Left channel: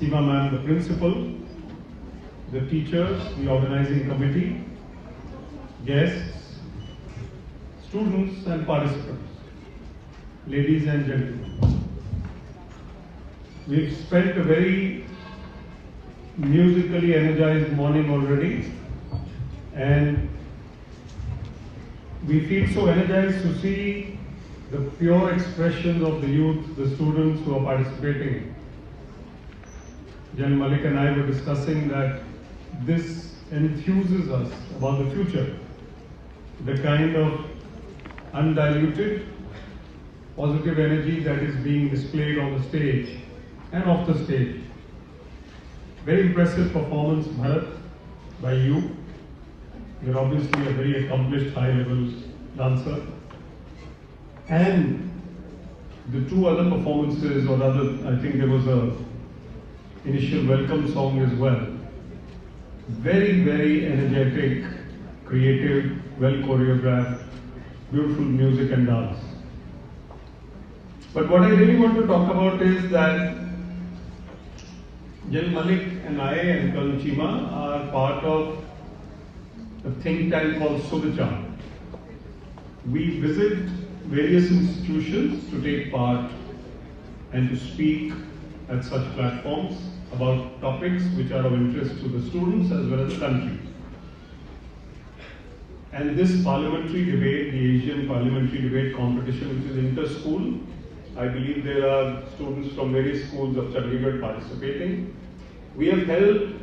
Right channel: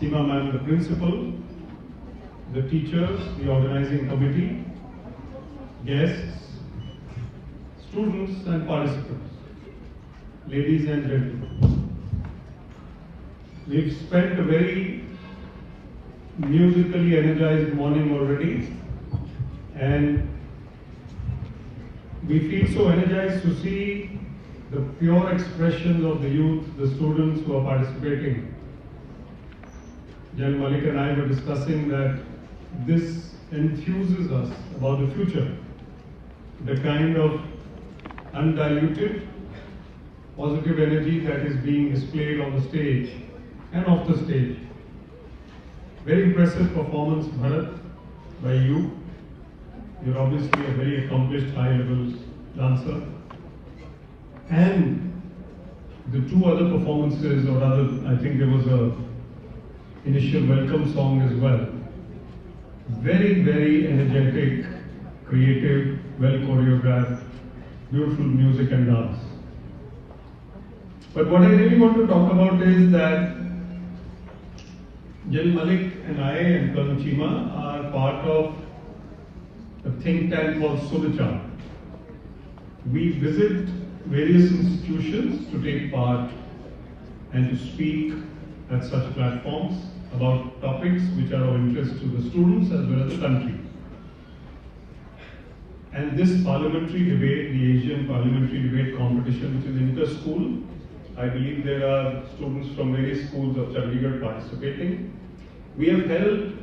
Seema ma'am, the principal, the teachers, the organizing committee, guests, students and participants, ladies and gentlemen. We've spent a very musically energized morning already, and we feel so energized to see the pure expressions of the youth, the students who are participating. Jan Malik and I were discussing that this enthuses us about the future, the kind of undiluted, positive energy that is being displayed on the stage and off the stage. Very impressive performance, Bharat, by you. You're obviously a very accomplished high-level dancer. And the two other performances, or rather, I think there was a initial welcome song as well. Very, very energetic, creative, well choreographed, beautiful music and dance. But what I really want to talk about is that Jan Malik and I and Colonel Chima are part of a think tank called Suvichar. We visit various institutions to take part and to speak at such platforms about topics which are of interest to the students as well as the country. And this parliamentary debate, the Asian Parliamentary Debate Competition, which is inter-school, I believe there are students from various schools of Chandigarh participating. We have held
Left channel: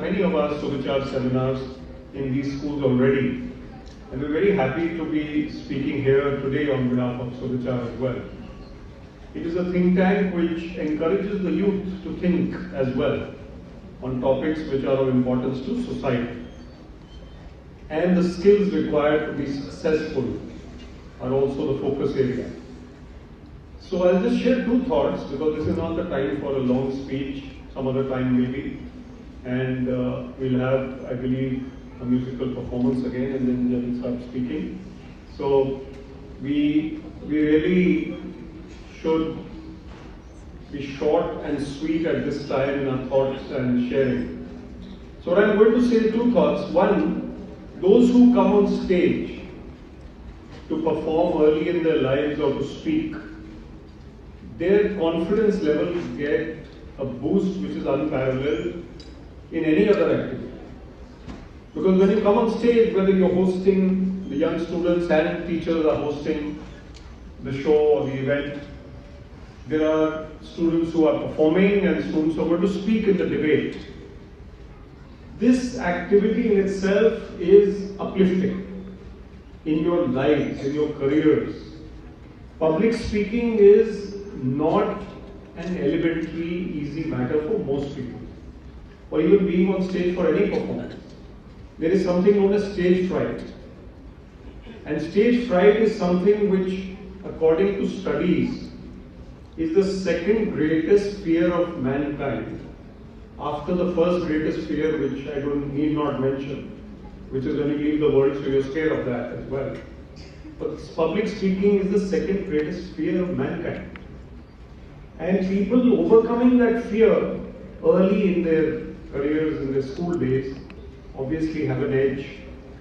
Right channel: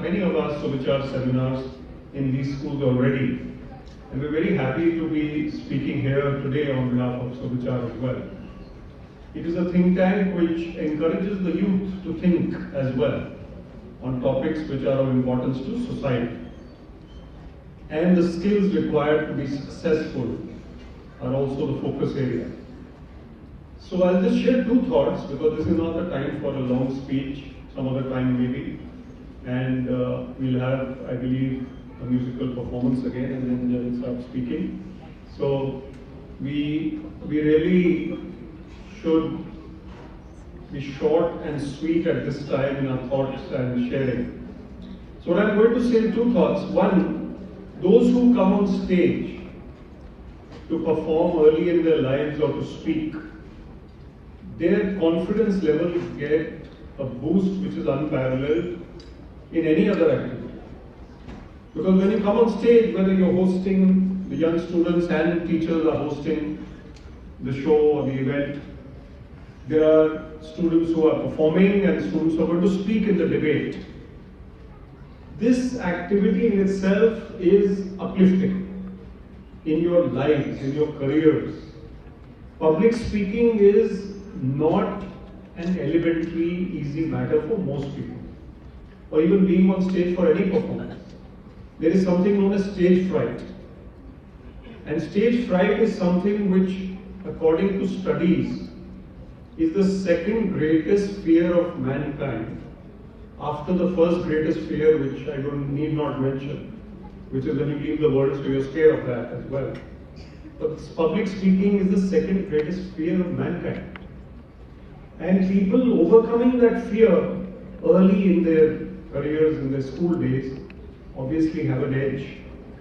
many of our Suvichar seminars in these schools already. And we're very happy to be speaking here today on behalf of Suvichar as well. It is a think tank which encourages the youth to think as well on topics which are of importance to society. And the skills required to be successful are also the focus area. So I'll just share two thoughts, because this is not the time for a long speech, some other time maybe. And we'll have, I believe, a musical performance again, and then Jan will start speaking. So we really should be short and sweet at this time in our thoughts and sharing. So what I'm going to say, two thoughts. One, those who come on stage to perform early in their lives or to speak, their confidence levels get a boost which is unparalleled in any other activity. Because when you come on stage, whether you're hosting, the young students and teachers are hosting the show or the event, there are students who are performing and students who are going to speak in the debate. This activity in itself is uplifting in your lives, in your careers. Public speaking is not an elementary, easy matter for most people, or even being on stage for any performance. There is something known as stage fright. And stage fright is something which, according to studies, is the second greatest fear of mankind after the first greatest fear, which I need not mention, which is when you leave the world, so you're scared of that as well. But public speaking is the second greatest fear of mankind. And people overcoming that fear early in their careers, in their school days, obviously have an edge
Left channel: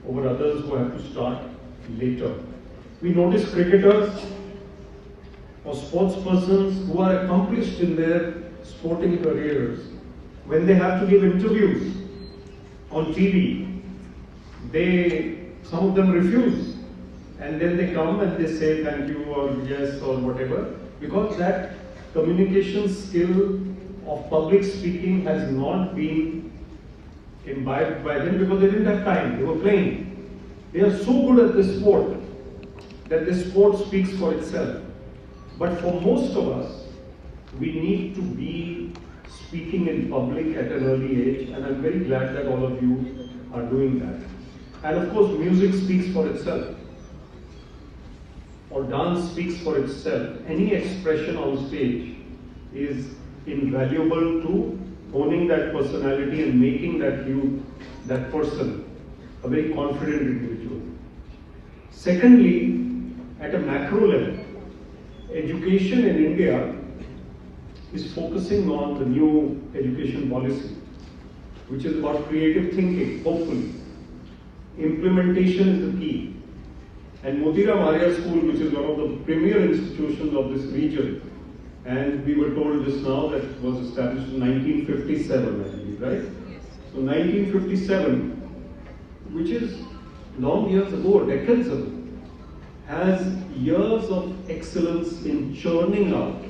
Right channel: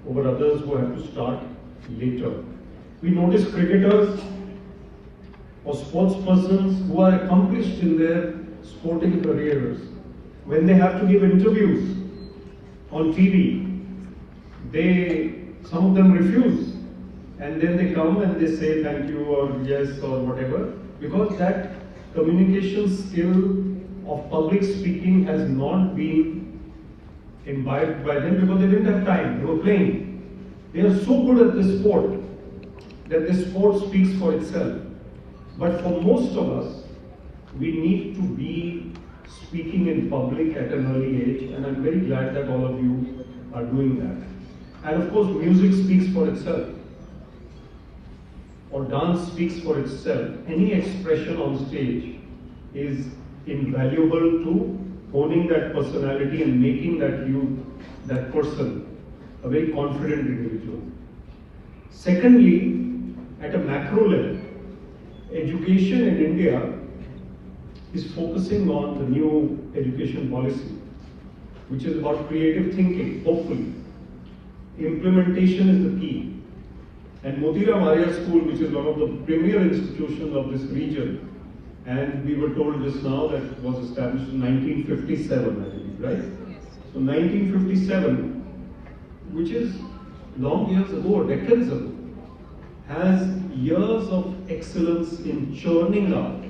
over others who have to start later. We notice cricketers or sportspersons who are accomplished in their sporting careers. When they have to give interviews on TV, some of them refuse. And then they come and they say thank you or yes or whatever, because that communication skill of public speaking has not been imbibed by them, because they didn't have time, they were playing. They are so good at this sport that this sport speaks for itself. But for most of us, we need to be speaking in public at an early age, and I'm very glad that all of you are doing that. And of course, music speaks for itself, or dance speaks for itself. Any expression on stage is invaluable to owning that personality and making that person, a very confident individual. Secondly, at a macro level, education in India is focusing on the new education policy, which is about creative thinking, hopefully. Implementation is the key. And Motira Maria School, which is one of the premier institutions of this region, and we were told just now that it was established in 1957, I believe, right? Yes. So 1957, which is long years ago, decades ago, has years of excellence in churning out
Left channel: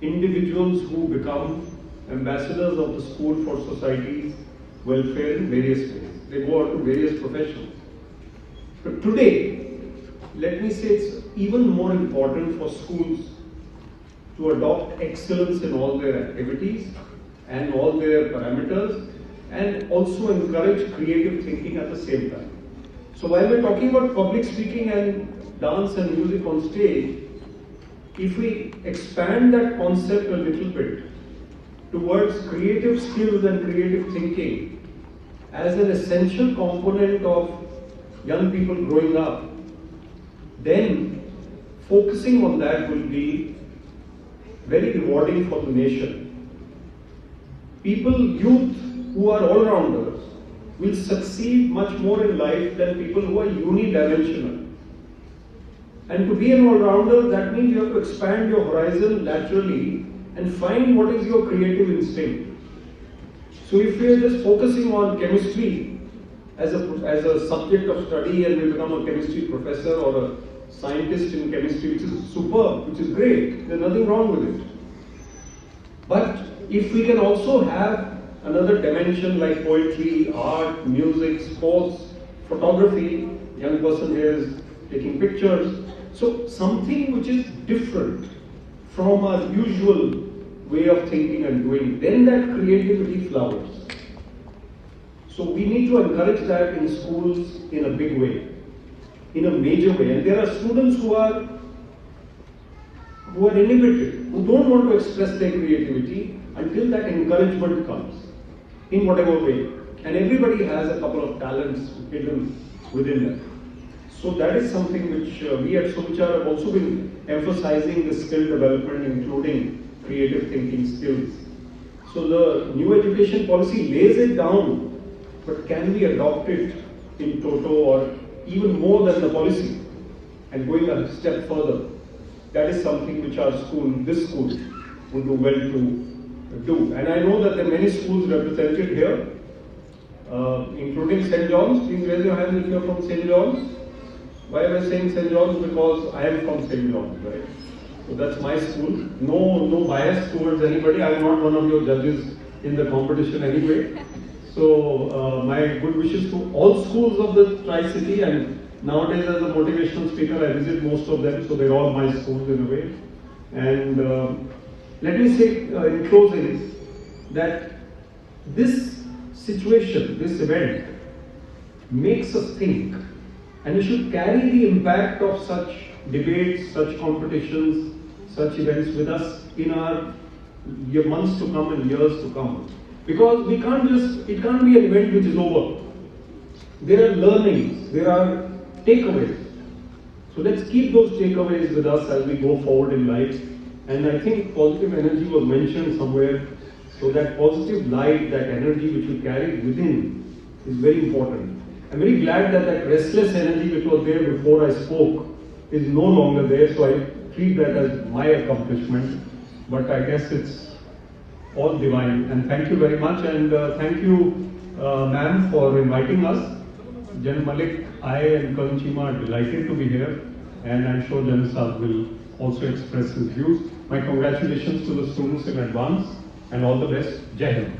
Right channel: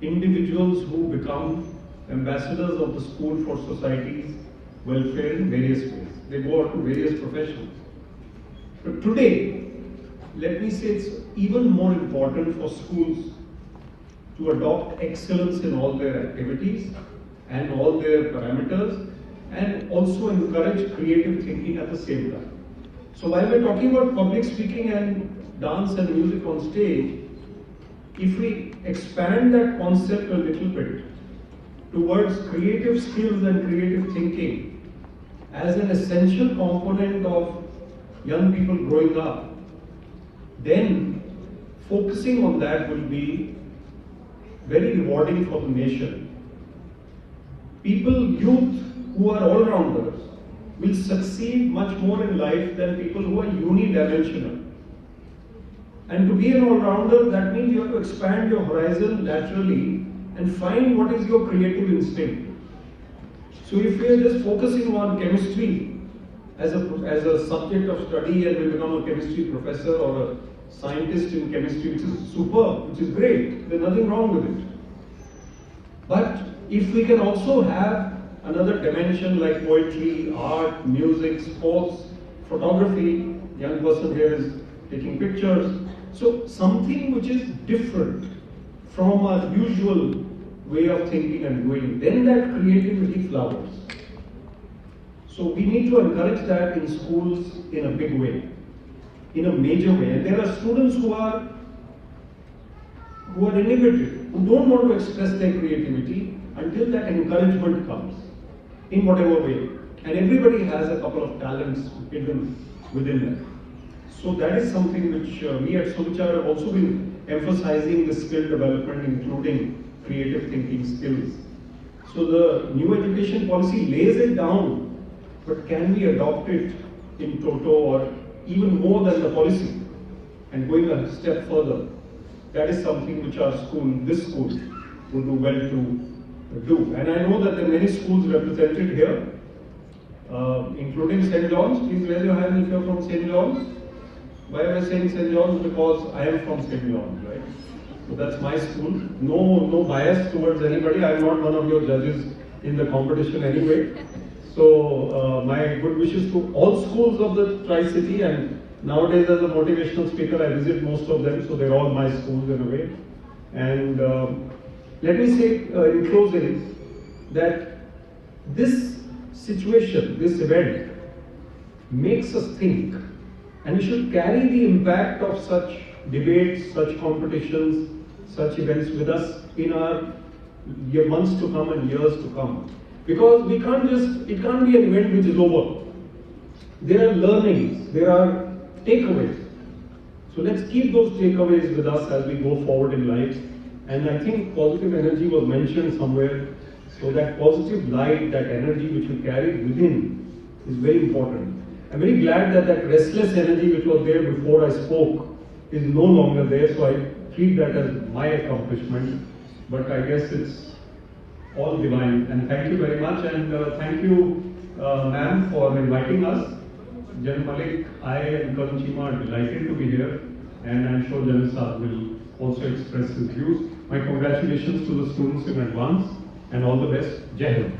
individuals who become ambassadors of the school for society's welfare in various ways. They go out to various professions. But today, let me say it's even more important for schools to adopt excellence in all their activities and all their parameters, and also encourage creative thinking at the same time. So while we're talking about public speaking and dance and music on stage, if we expand that concept a little bit towards creative skills and creative thinking as an essential component of young people growing up, then focusing on that will be very rewarding for the nation. People, youth who are all-rounders will succeed much more in life than people who are unidimensional. And to be an all-rounder, that means you have to expand your horizon laterally and find what is your creative instinct. So if we are just focusing on chemistry as a subject of study and we become a chemistry professor or a scientist in chemistry, which is superb, which is great, there's nothing wrong with it. But if we can also have another dimension like poetry, art, music, sports, photography, young person here is taking pictures, so something which is different from our usual way of thinking and doing, then that creativity flowers. So we need to encourage that in schools in a big way, in a major way. And there are students who are inhibited, who don't want to express their creativity until that encouragement comes, in whatever way. And everybody has a couple of talents hidden within them. So that is something which we at Suvichar have also been emphasizing, the skill development, including creative thinking skills. So the new education policy lays it down, but can we adopt it in toto or even more than the policy and going a step further? That is something which our school, this school, will do well to do. And I know that there are many schools represented here, including St. John's. Please raise your hand if you are from St. John's. Why am I saying St. John's? Because I am from St. John's, right? So that's my school. No bias towards anybody. I'm not one of your judges in the competition anyway. So my good wishes to all schools of the Tri-City, and nowadays as a motivational speaker I visit most of them, so they're all my schools in a way. And let me say in closing that this situation, this event makes us think, and we should carry the impact of such debates, such competitions, such events with us in our months to come and years to come. Because it can't be an event which is over. There are learnings, there are takeaways. So let's keep those takeaways with us as we go forward in life. And I think positive energy was mentioned somewhere. So that positive light, that energy which we carry within is very important. I'm very glad that that restless energy which was there before I spoke is no longer there. So I treat that as my accomplishment. But I guess it's all divine. And thank you very much. And thank you, ma'am, for inviting us. Jan Malik, I and Karan Chima are delighted to be here. And I'm sure Jan Saab will also express his views. My congratulations to the students in advance and all the best. Jai Hind.